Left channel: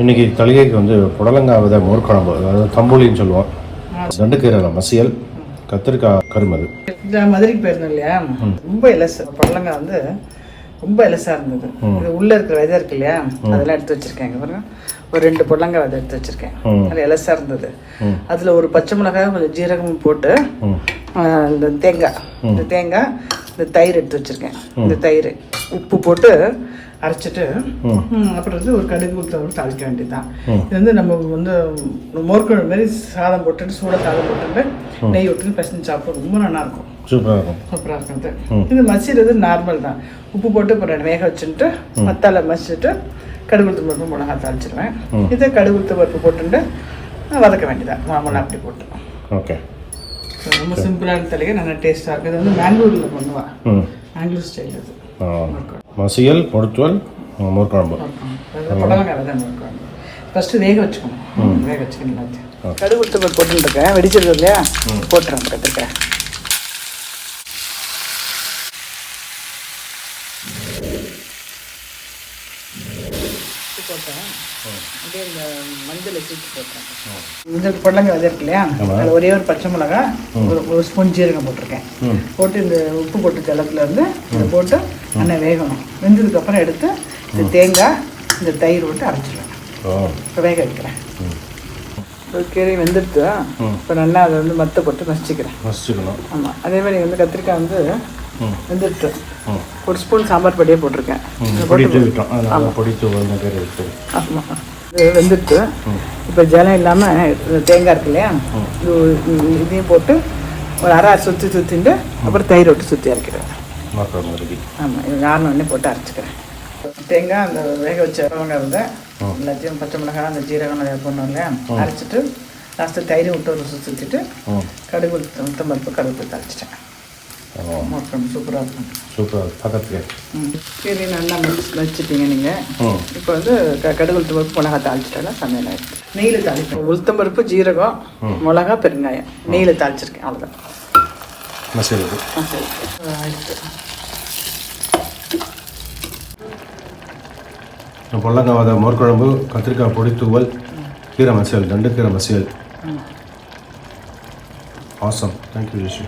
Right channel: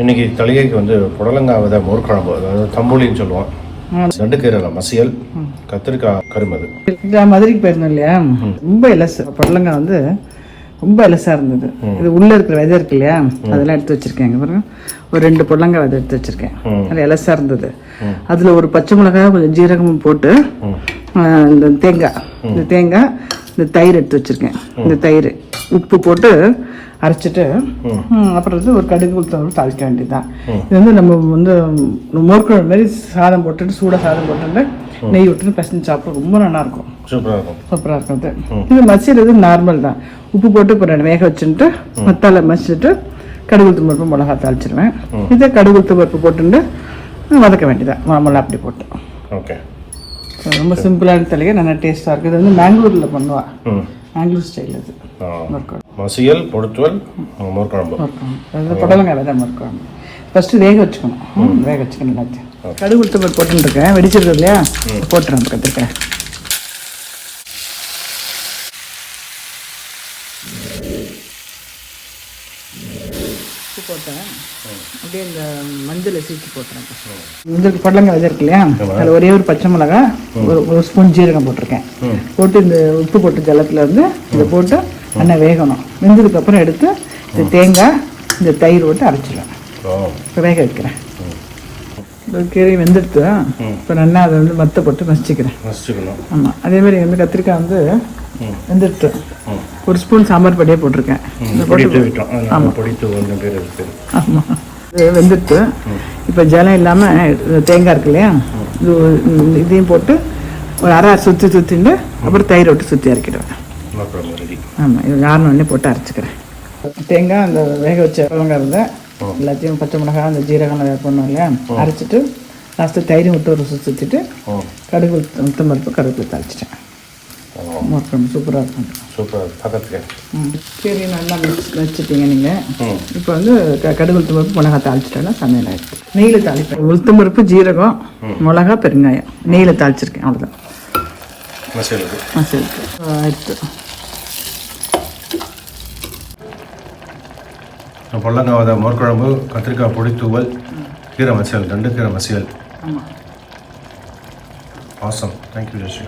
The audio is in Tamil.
இன்றைக்கி தலையைக்கு வந்து புடலங்காய் வித மோர்க்குழம்பு, அதாவது தம்புலின்னு சொல்லுவோம். 2 கீரை மசியல், கத்திரிக்காய் கருமது. மதுரைக்கு போயிருந்தோம் இல்லையா, ரொம்ப இலசு புடலங்காய் வந்து ரொம்ப இலசாக இருந்தது. இது உள்ளே இருக்கிற விதை இருக்கு இல்லையா, அதெல்லாம் எடுத்து வச்சுருக்கேன். பாருங்க, ஒரு 2 புடலங்காய் விதை எடுத்து வச்சுருக்கேன். அதில் இலசாக இருந்தது. அதில் ஒரு பச்சை மிளகாய், கொஞ்சம் ஜீரகமும் போட்டு, இந்த தேங்காய், இந்த தயிர் எடுத்து வச்சுருக்கேன். இந்த தயிர் உப்பு போட்டு அரைச்சிட்டு அப்புறம் வந்து ஒரு கடுகு உளுத்தம் தாளிக்க வேண்டியதுதான். இது வந்து நம்ம வந்து மோர்க்குழம்பு மாதிரி சாதம் போட்டுட்டு, சூடாக சாதம் போட்டுட்டு நெய் விட்டுட்டு பசங்க சாப்பிட ரொம்ப நல்லாயிருக்கும். சூப்பராக இருக்கும். இது மசிறது நார்மல் தான். உப்பு போட்டு இப்போ வேக வச்சுட்டு மத்தால மசிச்சுட்டு கடுகு உளுத்தம் பருப்பு மிளகா தாளிச்சிருவேன். இதே கடுகு உளுத்தம் பருப்பு போட்டுட்டு வதக்க வேண்டியதான், நார்மலாக அப்படி போட்டு. ஓகே, ரொம்ப சிம்பிளான தலையை நல்லா டேஸ்ட்டாக இருக்குது. இது வந்து மேங்களூரில் பண்ணுவாள், மேங்களூர் ஸ்டைல். அது மசியல், பொடுத்துவல், மோர்க்குழம்பு, புடலங்காய் விதை மோர்க்குழம்பு. ஃபஸ்ட்டு வேக வச்சுக்கணும். வேக வச்சுக்கணும் எல்லாத்தையும். கடுகு உளுத்தம் பருப்பு போட்டுருக்கேன், வெடிச்சது இல்லையா, போட்டுருக்கேன். இந்த புடலங்காய் இது இருக்கு இல்லையா, அதில் ஒரே ஒரு பச்சை மிளகா, ஒரு ஸ்பூன் ஜீரகம் போட்டிருக்கேன். போட்டு இந்த உப்பு போட்டு ஜலத்தில் இருந்து இதை போட்டு நல்லா வேகணும். வெந்ததுக்கப்புறம் எடுத்து இந்த தேங்காய், இந்த தயிர் போட்டு அரைச்சிடலாம். வேக வைக்கிறேன். கீரை வெந்துடுத்து இப்போ நல்லா அதை வந்து மத்தை போட்டு மசிச்சுக்கிறேன். அதேமாதிரி வந்து கத்திரிக்காய் வந்து வெந்துடுத்து ஒரு ஸ்பூன் சாம்பார் பொடியை போட்டிருக்கேன். வெந்துடுத்து இப்போ ஜலம் இல்லாமல் தேங்காய் இருக்கு இல்லையா, இதையும் போட்டு ஒரு அரை சுற்றிட்டு அப்புறம் தயிர் விட்டு சுற்றி அரைக்கிறேன். இது 4 மணி போட்டு அரைச்சிக்கிறேன். தேங்காய் அந்த வேக வச்ச வெங்காயம் எல்லாத்தையும் பச்சை மிளகாய், அந்த ஜீரகம் பண்ணோம் இல்லையா, அரைச்சிட்டு லாஸ்ட்டு தயிர் விட்டு ஒரு சுற்றிட்டு கடுகு உளுத்தம் பருப்பு கடுகு அரைச்சிட்டேன். சூப்பராக இருக்கும். சரி, நல்லா வச்சுட்டீங்க நீங்கள். இப்போ வந்து கடுகு உளுத்தம் பருப்பு மிளகா தாளிச்சிட்டேன்னா சமையல். நெய்யில் தாளிப்பேன். உளுத்தம் பருப்பு, ஜீரகம், மிளகா, பெருங்காயம் நெய்யில் தாளிச்சிருக்கேன். அவ்வளோதான். புடலங்காய் மோர்க்குழம்பு, கத்திரிக்காய் பொடித்தூவல், கீரை மசியல், 2 கீரை மசியல். ஆசம். தேங்க்யூ ஜெஷி.